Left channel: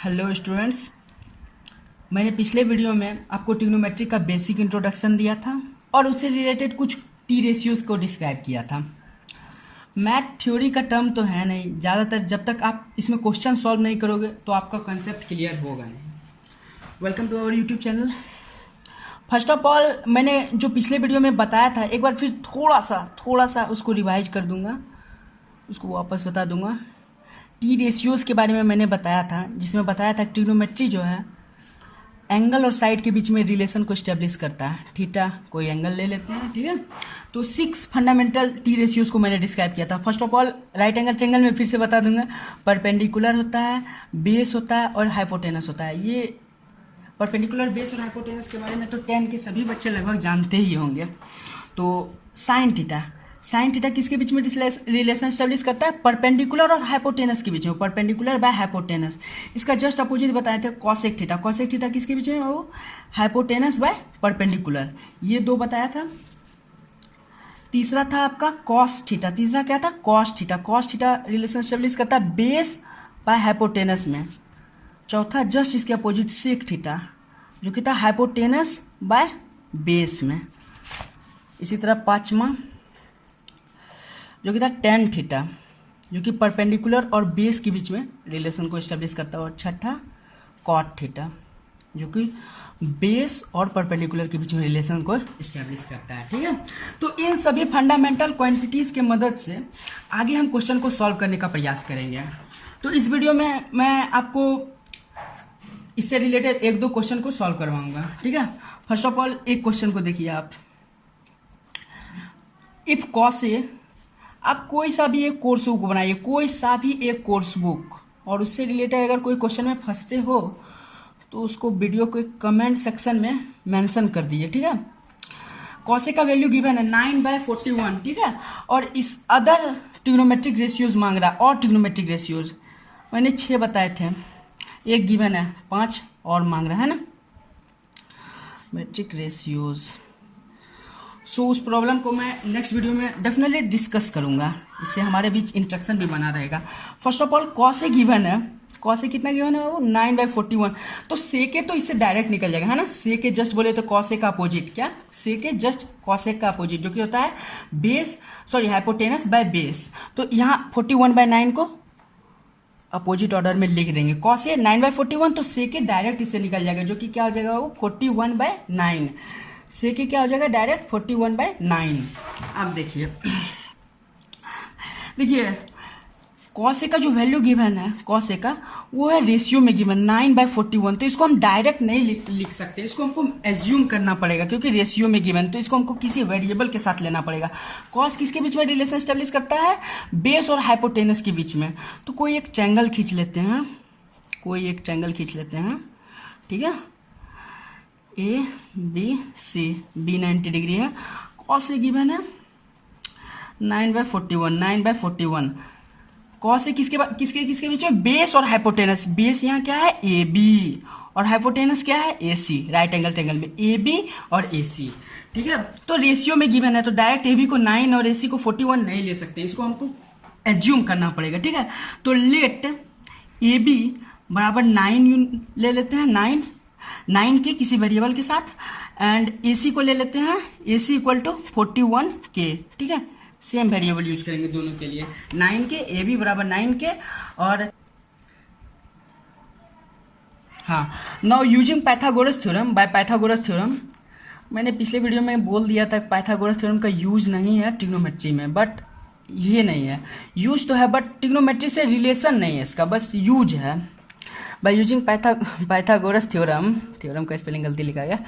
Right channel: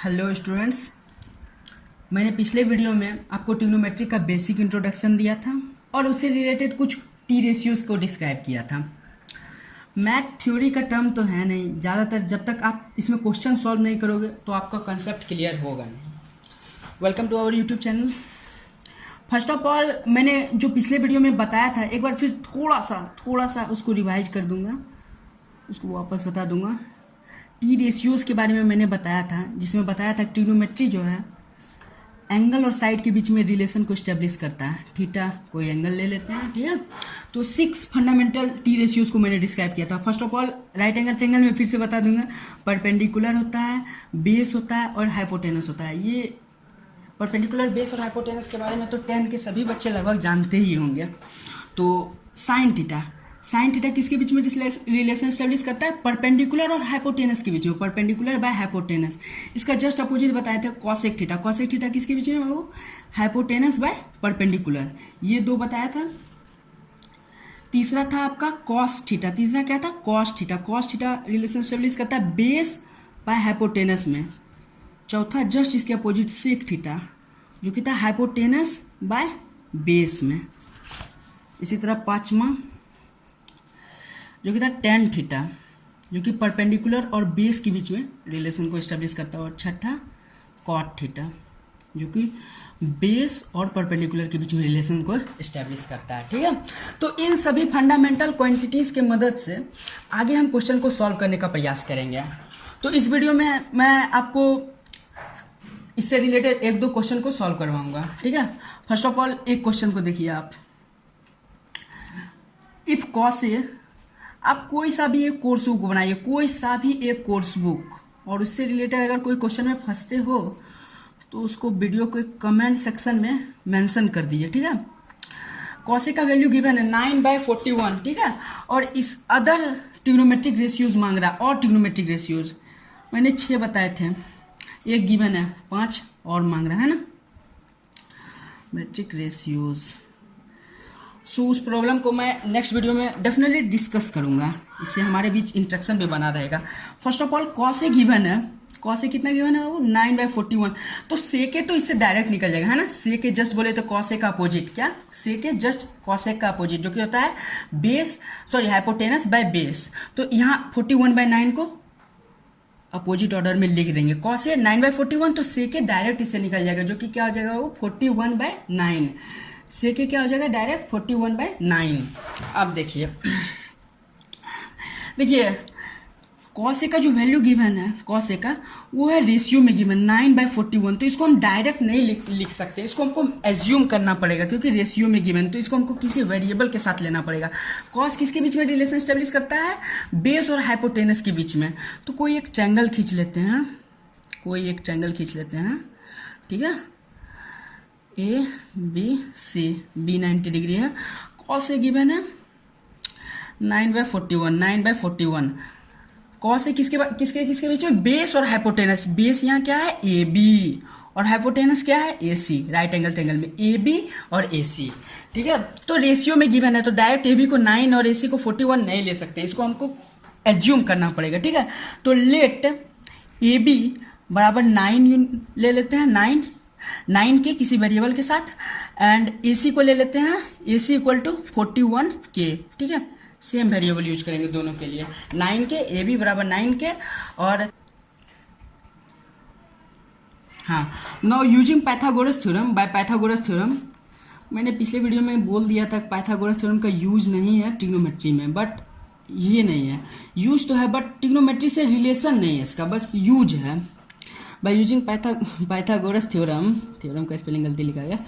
Hello students, मैंने पिछले video में आपको ट्रिग्नोमेट्री का बेसिक इंट्रोडक्शन दिया था और उससे रिलेटेड कुछ टी रेशियोज़ को डिस्क्राइब किया था। मैथ थ्योरी का टर्म तो है नहीं, ज़्यादातर जब तक आप इसमें क्वेश्चन सॉल्व नहीं करोगे तो आपका कंसेप्ट क्लियर होगा नहीं। Welcome to our YouTube channel. First of all, मैंने जो पिछले वीडियो में बताया था एक बार फिर थोड़ा सा उसको रिवाइज कर दूंगा, उसको वापस बता दूंगा। टी रेशियोज़ के बारे में मैंने बताया था, जिसमें बताया था ट्रिग्नोमेट्री जो है एंगल और साइड के बीच में रिलेशन को स्टेब्लिश करता है। थीटा कोई एंगल ले लेते हैं, ठीक है। तो 6 फंडामेंटल टी रेशियोज़ को मैंने डिस्क्राइब किया था। First of all, right angle triangle में फिर से बता दूंगा, परपेंडिकुलर होता है, बेस होता है और हाइपोटेनस होता है। ये परपेंडिकुलर, बेस और हाइपोटेनस के बारे में तो 10 के सभी बच्चे लगभग जानते ही होंगे। तो साइन थीटा किसके बीच में रिलेशन स्टेब्लिश करता है? परपेंडिकुलर और हाइपोटेनस के बीच में, परपेंडिकुलर बाय हाइपोटेनस। इसका जस्ट अपोजिट बताए थे कॉसेक थीटा किसके बीच में? वो हाइपोटेनस बाय परपेंडिकुलर। ये दो बताया था। तीसरा था आपका कॉस थीटा। तीसरा क्या था? कॉस थीटा रिलेशन स्टेब्लिश करता है बेस बाय हाइपोटेनस में। चौथा जस्ट इसके अपोजिट सेक थीटा, जो कि था हाइपोटेनस बाय बेस में। इसी तरह पांचवा जो कि था टेन थीटा, जो कि परपेंडिकुलर और बेस के बीच में रिलेशन को एस्टेब्लिश करता है। और छठा कॉट थीटा, जो कि बेस और परपेंडिकुलर के बीच में रिलेशन को एस्टेब्लिश करता है, ठीक है। तो इन सभी फंडामेंटल क्वांटिटीज़ के मदद से आगे हम क्वेश्चन को सॉल्व करने का प्रयास करेंगे। तो इस वीडियो में मैं आपको इससे रिलेटेड एक दो क्वेश्चन को सॉल्व करवाऊंगा, ठीक है। फर्स्ट ऑफ ऑल, एक क्वेश्चन को देखिए आप। इफ कॉस ए, आप कोई सा भी एक कोर्स बुक बनाइए, कोई सा भी एक कोर्स बुक, और उससे रिलेटेड अगर कोई क्वेश्चन में फंसते हो तो उसको वीडियो को एक कमेंट सेक्शन में मेंशन कर दीजिए, ठीक है। कॉस ए का वैल्यू गिवन है 9/41, ठीक है। और इस अदर ट्रिग्नोमेट्रिक रेशियोज मांग रहा है, और ट्रिग्नोमेट्रिक रेशियोज मैंने 6 बताए थे, एक गिवन है 5 और मांग रहा है ना, मेट्रिक रेशियोज। सो उस प्रॉब्लम को मैं नेक्स्ट वीडियो में डेफिनेटली डिस्कस करूंगा, इससे हमारे बीच इंटरेक्शन भी बना रहेगा। First of all, cos A given है, कॉस ए कितना गिवन है? वो 9/41। तो सेके तो इससे डायरेक्ट निकल जाएगा, है ना। सेके जस्ट बोले तो कॉस ए का अपोजिट क्या? सेके जस्ट कॉस ए का अपोजिट, जो कि होता है हाइपोटेनस बाय बेस। तो यहाँ 41/9 को अपोजिट ऑर्डर में लिख देंगे। कॉस ए 9/41, तो सेके डायरेक्ट इससे निकल जाएगा, जो कि क्या हो जाएगा? वो 41/9। सेके क्या हो जाएगा? डायरेक्ट 41/9। अब देखिए कॉस ए का जो वैल्यू गिवन है, कॉस ए का, वो है रेशियो में गिवन 9/41। तो इसको हम डायरेक्ट नहीं लिख सकते, इसको हमको एज्यूम करना पड़ेगा, क्योंकि रेशियो में गिवन, तो इसको हमको किसी वेरिएबल के साथ लेना पड़ेगा। कॉस किसके बीच में रिलेशन स्टेब्लिश करता है? बेस और हाइपोटेनस के बीच में। तो कोई एक ट्रायंगल खींच लेते हैं, ठीक है। A B C, B 90 degree है, कॉस ए गिवन है 9/41। कॉस ए किसके बीच में? बेस और हाइपोटेनस। बेस यहाँ क्या है? ए बी, और हाइपोटेनस क्या है? ए सी। राइट एंगल ट्रायंगल में ए बी और ए सी, ठीक है। तो रेशियो में गिवन है, तो डायरेक्ट ए बी को 9 और ए सी को 41 नहीं ले सकते, इसको हमको एज्यूम करना पड़ेगा, ठीक है। तो लेट ए बी बराबर 9 ले लेते हैं, 9 के किसी वेरिएबल के साथ, एंड ए सी को ले लेते हैं, ए सी इक्वल टू 41 के, ठीक है। सेम वेरिएबल यूज करेंगे दोनों के लिए, 9 के, ए बी बराबर 9 के। और हाँ, now using Pythagoras theorem, by Pythagoras theorem, मैंने पिछले वीडियो में बोल दिया था पाइथागोरस थ्योरम का यूज नहीं है ट्रिग्नोमेट्री में, बट ये नहीं है, यूज तो है बट ट्रिग्नोमेट्री से रिलेशन नहीं है इसका, बस यूज है। बाय यूजिंग पाइथागोरस थ्योरम का स्पेलिंग गलती लिखा गया,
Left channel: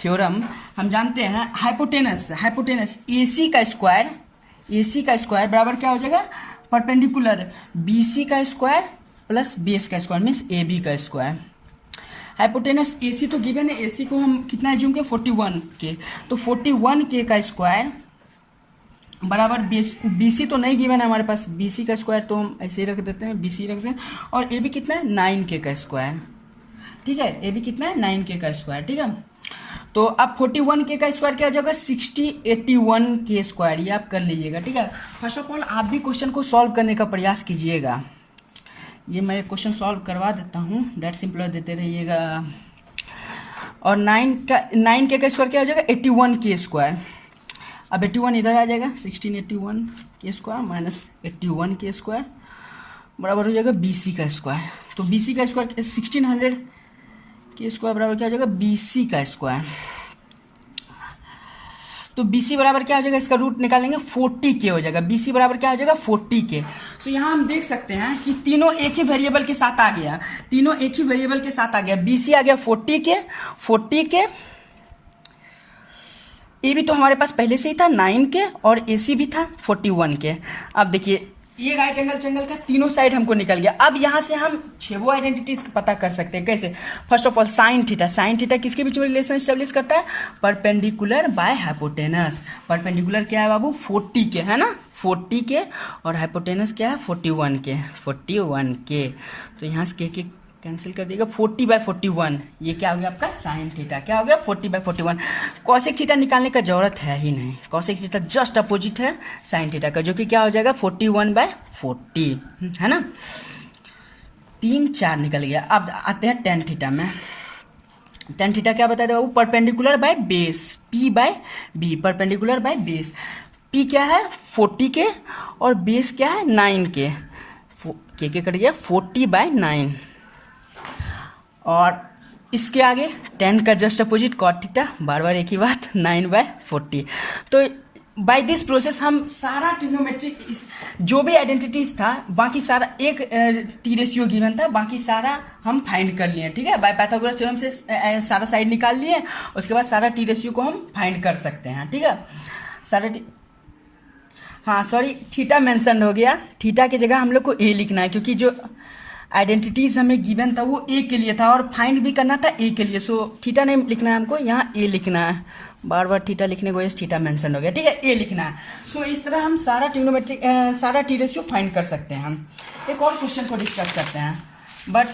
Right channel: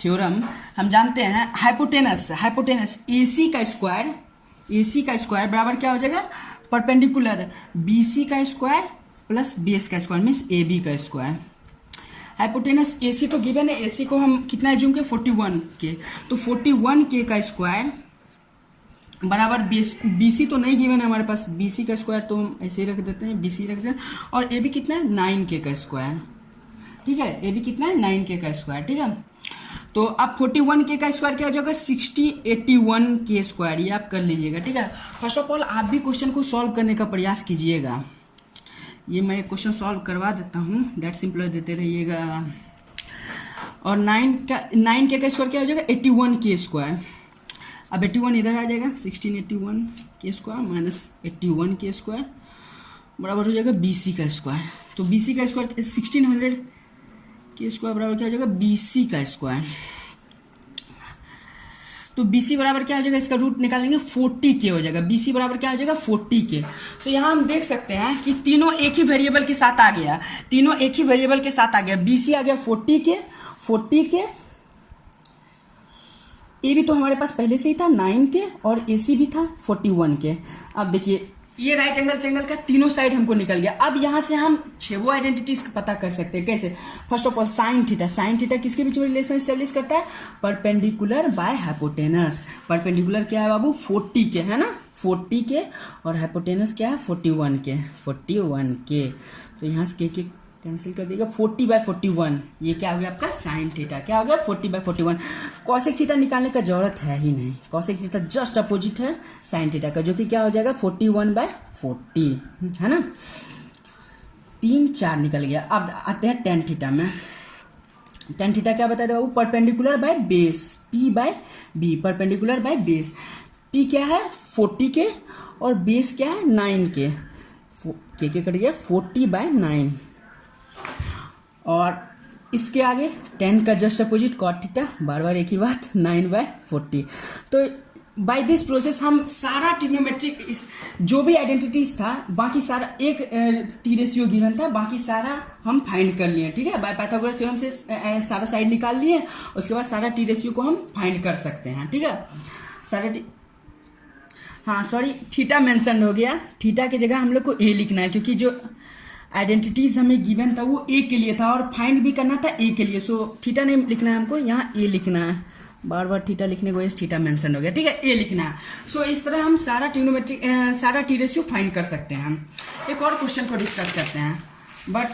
थ्योरम, हम जानते हैं हाइपोटेनस AC का स्क्वायर बराबर क्या हो जाएगा? परपेंडिकुलर BC का स्क्वायर प्लस बेस का स्क्वायर, मीन्स AB का स्क्वायर। हाइपोटेनस AC तो गिवन है, AC को हम कितना एज्यूम किया? 41 के, तो 41 के का स्क्वायर बराबर बेस, BC तो नहीं गिवन है हमारे पास, BC का स्क्वायर तो हम ऐसे ही रख देते हैं, BC रख देते हैं। और AB कितना है? 9K का स्क्वायर, ठीक है। AB कितना है? 9K का स्क्वायर, ठीक है। तो अब 41K का स्क्वायर क्या हो जाएगा? 81K स्क्वायर, ये आप कर लीजिएगा, ठीक है। फर्स्ट ऑफ ऑल, आप भी क्वेश्चन को सॉल्व करने का प्रयास कीजिएगा, ये मैं क्वेश्चन सॉल्व करवा देता हूँ, दैट सिंपल देते रहिएगा। और 9 का स्क्वायर क्या हो जाएगा 81 के स्क्वायर। अब 81 इधर आ जाएगा 1681 के स्क्वायर माइनस 81 के स्क्वायर बराबर हो जाएगा BC का स्क्वायर। तो BC का स्क्वायर 1600 के स्क्वायर बराबर क्या हो जाएगा BC का स्क्वायर। तो BC बराबर क्या हो जाएगा, इसका रूट निकालेंगे 40 के हो जाएगा। BC बराबर क्या हो जाएगा 40 के। तो यहाँ हम देख सकते हैं कि तीनों एक ही वेरिएबल के साथ आ गया, तीनों एक ही वेरिएबल के साथ आ गया। BC आ गया 40 के, ए भी तो हमारे पास पहले से ही था 9 के, और AC भी था 41 के। अब देखिए ये राइट एंगल ट्रायंगल का तीनों साइड हमको निकल गया। अब यहाँ से हम 6 आइडेंटिटीज पता कर सकते हैं। कैसे? First of all sine theta किसके बीच में रिलेशन स्टेब्लिश करता है? Perpendicular by hypotenuse. परपेंडिकुलर क्या है बाबू 40 के, है ना, 40 के, और हाइपोटेनस क्या है 41 के। तो यहाँ से के कैंसिल कर देगा 40/41। ये क्या हो गया आपका साइन थीटा। क्या हो गया 40/41। कॉसेक थीटा निकालने का जरूरत है ही नहीं, कॉसेक थीटा जस्ट अपोजिट है साइन थीटा का, जो कि क्या हो जाएगा 41/40, है ना। 3 4 निकल गया। अब आते हैं टेन थीटा में। टेन थीटा क्या बताया बाबू? Perpendicular by base, P/B, perpendicular by base. P क्या है 40 के, और बेस क्या है 9 के कट गया 40/9। और इसके आगे 10 का जस्ट अपोजिट कॉट थीटा, बार बार एक ही बात 9/40। तो बाय दिस प्रोसेस हम सारा ट्रिग्नोमेट्रिक जो भी आइडेंटिटीज था, बाकी सारा एक टी रेशियो गिवन था, बाकी सारा हम फाइंड कर लिए, ठीक है। बाय पाइथागोरस थ्योरम से सारा साइड निकाल लिए, उसके बाद सारा टी रेशियो को हम फाइंड कर सकते हैं, ठीक है। सारा हाँ सॉरी, थीटा मेंशन हो गया। थीटा की जगह हम लोग को ए लिखना है, क्योंकि जो आइडेंटिटीज हमें गिवन था वो ए के लिए था, और फाइंड भी करना था ए के लिए। सो थीटा नहीं लिखना है हमको, यहाँ ए लिखना है। बार बार थीटा लिखने को वजह से थीटा मेंशन हो गया, ठीक है, ए लिखना है। सो इस तरह हम सारा ट्रिग्नोमेट्रिक सारा टी रेशियो फाइंड कर सकते हैं। हम एक और क्वेश्चन को डिस्कस करते हैं, बट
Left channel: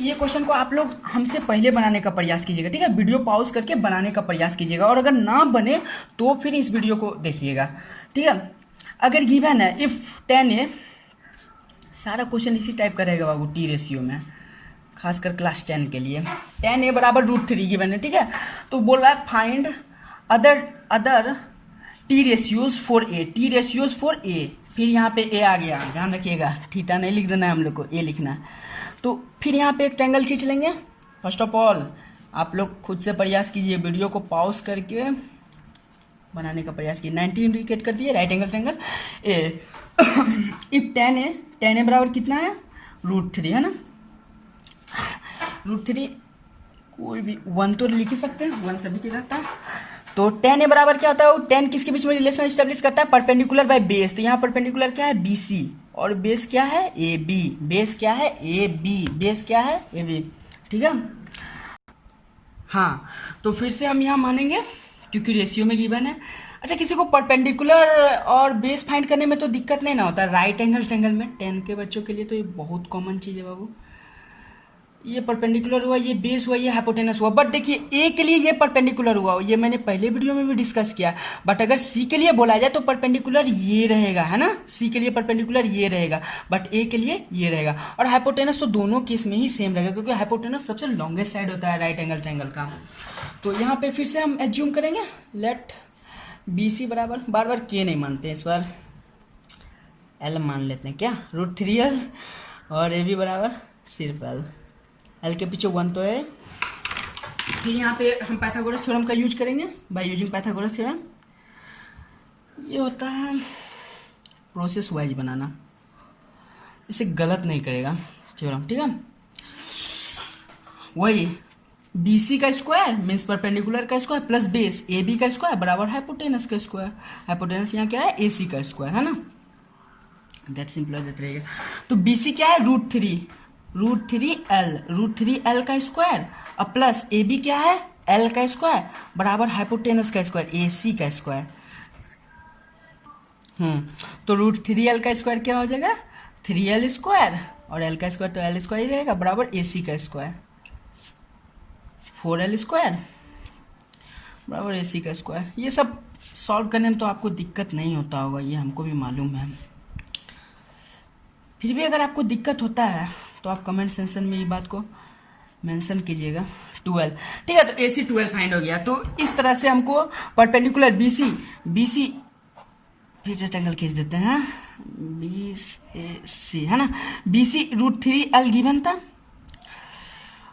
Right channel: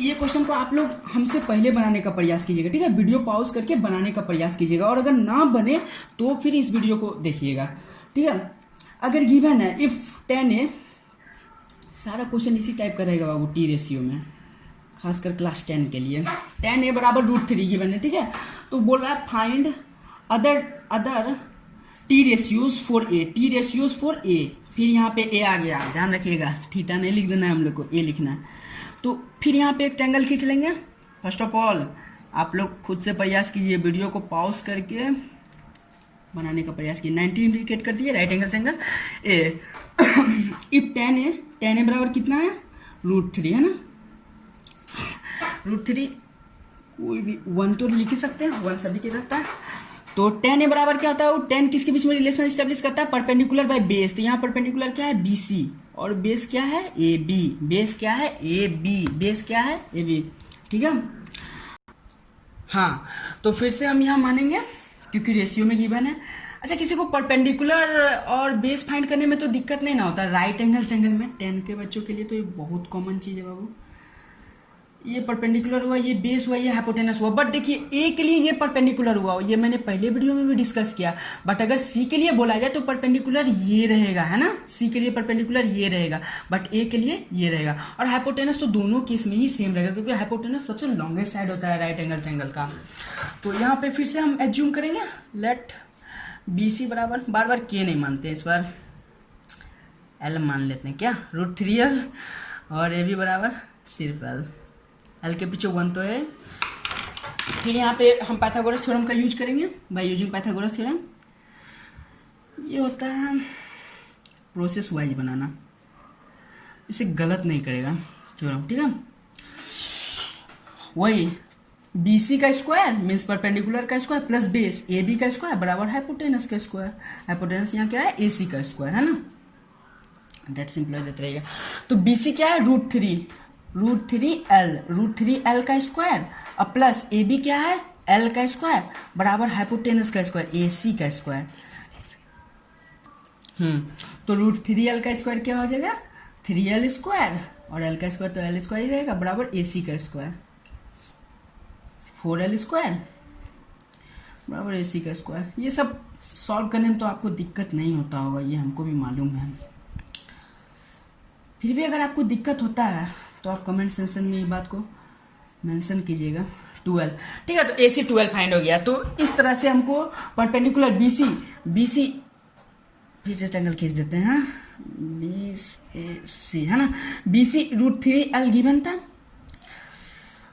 ये क्वेश्चन को आप लोग हमसे पहले बनाने का प्रयास कीजिएगा, ठीक है। वीडियो पॉज करके बनाने का प्रयास कीजिएगा, और अगर ना बने तो फिर इस वीडियो को देखिएगा, ठीक है। अगर गिवन है इफ 10A, सारा क्वेश्चन इसी टाइप का रहेगा बाबू टी रेशियो में, खासकर क्लास 10 के लिए। 10A बराबर √3 गिवन है, ठीक है। तो बोल रहा है find other T ratios for a. फिर यहाँ पे ए आ गया, ध्यान रखिएगा, थीटा नहीं लिख देना है हम लोग को, ए लिखना है। तो फिर यहाँ पे एक ट्रायंगल खींच लेंगे। फर्स्ट ऑफ ऑल आप लोग खुद से प्रयास कीजिए, वीडियो को पॉज करके बनाने का प्रयास कीजिए। 90 इंडिकेट कर दिए, right angle triangle A. If 10A बराबर कितना है √3, है ना। √3 कोई भी 1 तो लिख ही सकते हैं, 1 सभी के रहता है। तो 10A बराबर क्या होता है, 10 किसके बीच में रिलेशन एस्टेब्लिश करता है? Perpendicular by base. तो यहाँ परपेंडिकुलर क्या है BC, और बेस क्या है AB। बेस क्या है AB, ठीक है। हाँ, तो फिर से हम यहाँ मानेंगे क्योंकि रेशियो में गिवन है। अच्छा, किसी को परपेंडिकुलर और बेस फाइंड करने में तो दिक्कत नहीं ना होता, राइट एंगल ट्रायंगल में 10 के बच्चों के लिए तो ये बहुत कॉमन चीज़ है बाबू। ये परपेंडिकुलर हुआ, ये बेस हुआ, ये हाइपोटेनस हुआ। बट देखिए ए के लिए ये परपेंडिकुलर हुआ, ये मैंने पहले वीडियो में भी डिस्कस किया। बट अगर सी के लिए बोला जाए तो परपेंडिकुलर ये रहेगा, है ना। सी के लिए परपेंडिकुलर ये रहेगा, बट ए के लिए ये रहेगा। और हाइपोटेनस तो दोनों केस में ही सेम रहेगा, क्योंकि हाइपोटेनस सबसे लॉन्गेस्ट साइड होता है राइट एंगल ट्रायंगल का। तो यहाँ पे फिर से हम एज्यूम करेंगे, लेट BC बराबर, बार बार के नहीं मानते, इस बार L मान लेते हैं, क्या √3L, और AB बराबर सिर्फ L के पीछे 1 तो है। फिर यहाँ पे हम पाइथागोरस थ्योरम का यूज करेंगे, बाय यूजिंग पाइथागोरस थ्योरम। ये होता है प्रोसेस वाइज बनाना, इसे गलत नहीं करेगा थ्योरम, ठीक है। वही BC का स्क्वायर मीन्स परपेंडिकुलर का स्क्वायर प्लस बेस AB का स्क्वायर बराबर हाइपोटेनस का स्क्वायर। हाइपोटेनस यहाँ क्या है AC का स्क्वायर, है ना। दैट सिंपल देते रहेगा। तो BC क्या है √3L का स्क्वायर, और प्लस AB क्या है L का स्क्वायर बराबर हाइपोटेनस का स्क्वायर AC का स्क्वायर। तो √3L का स्क्वायर क्या हो जाएगा 3L स्क्वायर, और L का स्क्वायर तो L स्क्वायर ही रहेगा बराबर AC का स्क्वायर 4L स्क्वायर बराबर AC का स्क्वायर। ये सब सॉल्व करने में तो आपको दिक्कत नहीं होता होगा, ये हमको भी मालूम है। फिर भी अगर आपको दिक्कत होता है तो आप कमेंट सेक्शन में ये बात को मेंशन कीजिएगा। 12, ठीक है। तो AC 12 फाइंड हो गया। तो इस तरह से हमको परपेंडिकुलर BC फिर रेक्टेंगल खींच देते हैं, BC है ना, BC √3L गिवन था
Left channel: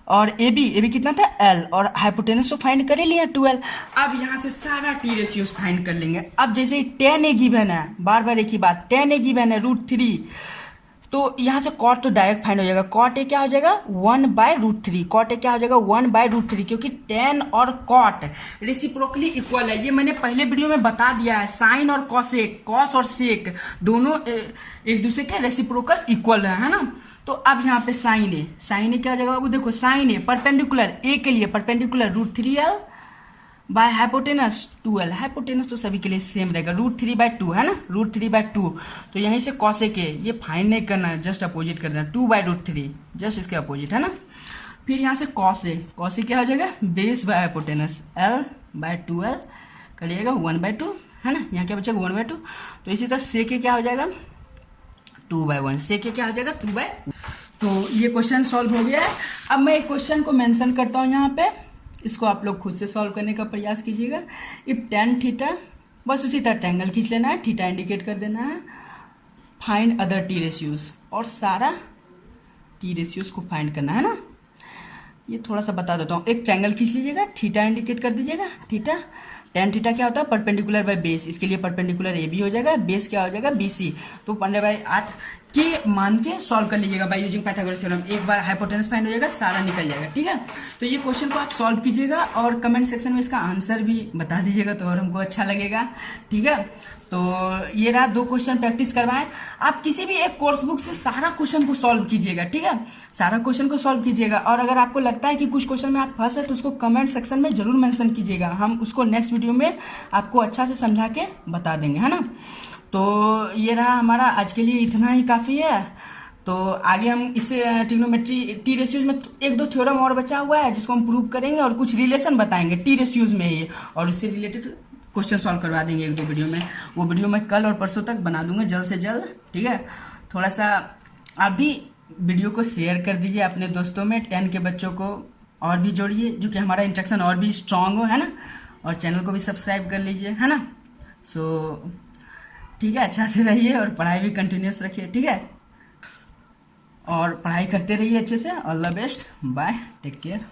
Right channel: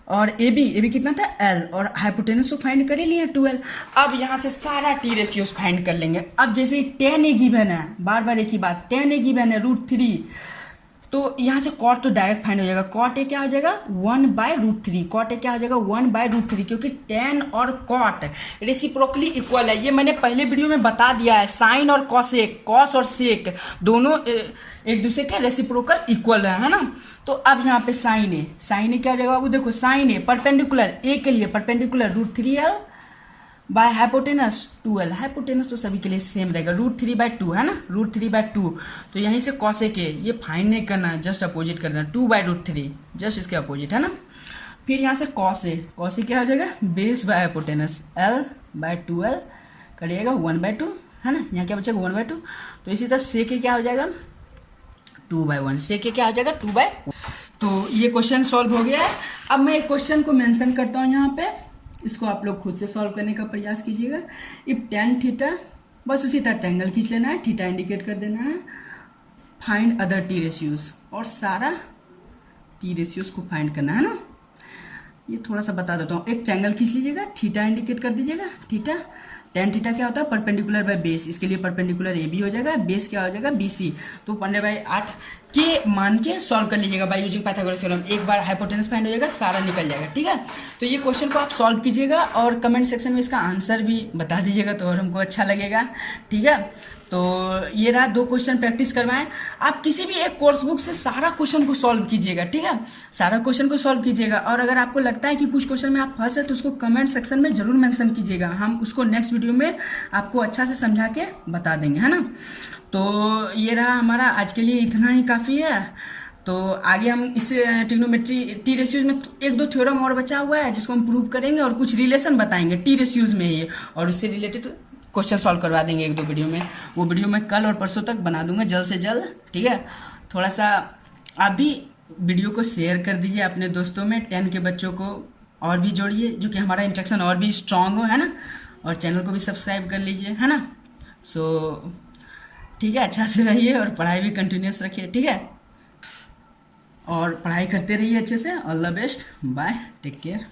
और AB कितना था L, और हाइपोटेनस तो फाइंड कर ही लिया 12। अब यहाँ से सारा टी रेशियोज फाइंड कर लेंगे। अब जैसे 10A गिवन है, बार बार एक ही बात, 10A गिवन है √3, तो यहाँ से कॉट तो डायरेक्ट फाइंड हो जाएगा। कॉट ए क्या हो जाएगा 1/√3, कॉट ए क्या हो जाएगा 1/√3, क्योंकि tan और कॉट रेसिप्रोकली इक्वल है। ये मैंने पहले वीडियो में बता दिया है, साइन और कॉसेक, कॉस और सेक दोनों एक दूसरे के रेसिप्रोकल इक्वल है ना। तो अब यहाँ पे साइन ए क्या हो जाएगा बाबू, देखो साइन ए परपेंडिकुलर ए के लिए perpendicular √3L by hypotenuse 2L, hypotenuse तो सभी के लिए सेम रहेगा, √3/2 है ना, √3/2। तो यहीं से कॉसेक ए, ये फाइंड नहीं करना है, जस्ट अपोजिट कर देना, 2/√3, जस्ट इसके अपोजिट है ना। फिर यहाँ से कॉस ए क्या हो जाएगा बेस बाय हाइपोटेनस L/2L करिएगा 1/2 है ना, यहाँ क्या बचेगा 1/2। तो इसी तरह सेक ए क्या हो जाएगा 2/1, सेक ए क्या हो जाएगा 2/1। तो ये क्वेश्चन सॉल्व हो गया है। अब मैं एक क्वेश्चन को मेंशन करता हूँ यहाँ पे, इसको आप लोग खुद से सॉल्व करने का प्रयास कीजिएगा। इफ tan थीटा, बस उसी तरह ट्रायंगल खींच लेना है, थीटा इंडिकेट कर देना है, फाइंड अदर टी रेशियोज, और सारा टी रेशियोज को फाइंड करना है ना। ये थोड़ा सा बता देता हूँ, एक ट्रायंगल खींच लीजिएगा, थीटा इंडिकेट कर दीजिएगा, थीटा, tan थीटा क्या होता है परपेंडिकुलर बाय बेस, इसके लिए परपेंडिकुलर AB हो जाएगा, बेस क्या हो जाएगा BC। तो 15/8 के मान के सॉल्व कर लीजिएगा बाय यूजिंग पाइथागोरस थ्योरम। एक बार हाइपोटेनस फाइंड हो जाएगा, सारा निकल जाएगा, ठीक है। तो ये क्वेश्चन को आप सॉल्व कीजिएगा और कमेंट सेक्शन में इसका आंसर भी बता दीजिएगा, तो और हमको अच्छा लगेगा, ठीक है। तो ये रहा 2 क्वेश्चन प्रैक्टिस करवाएं। आप किसी भी एक कोर्स बुक से सारा क्वेश्चन को सॉल्व कीजिएगा, ठीक है, सारा क्वेश्चन को सॉल्व कीजिएगा। और अगर आपको लगता है कि कुछ क्वेश्चन में आप फंसे तो उसको कमेंट सेक्शन में जरूर मेंशन कीजिएगा, हम उसको नेक्स्ट वीडियो में आपको अच्छा से समझा के बता देंगे, है ना। तो ये रहा हमारा आज के लिए, इतना ही काफ़ी है। तो आगे हम इस ट्रिग्नोमेट्री टी रेशियोज में 1-2 थ्योरम और बचा हुआ है जिसको हम प्रूव करेंगे, और कुछ रिलेशन बताएंगे टी रेशियोज में ही, और उससे रिलेटेड क्वेश्चन सॉल्व करवा देंगे 1-2 वीडियो में। वो वीडियो मैं कल और परसों तक बना दूंगा, जल्द से जल्द, ठीक है। थोड़ा सा आप भी वीडियो को शेयर कर दीजिए अपने दोस्तों में, 10 के बच्चों को और भी जोड़िए, जो कि हमारा इंट्रैक्शन और भी स्ट्रांग हो, है ना। और चैनल को भी सब्सक्राइब कर लीजिए, है ना। सो ठीक है, अच्छा से रहिए और पढ़ाई भी कंटिन्यूस रखिए, ठीक है, और पढ़ाई करते रहिए अच्छे से। All the best, bye, take care.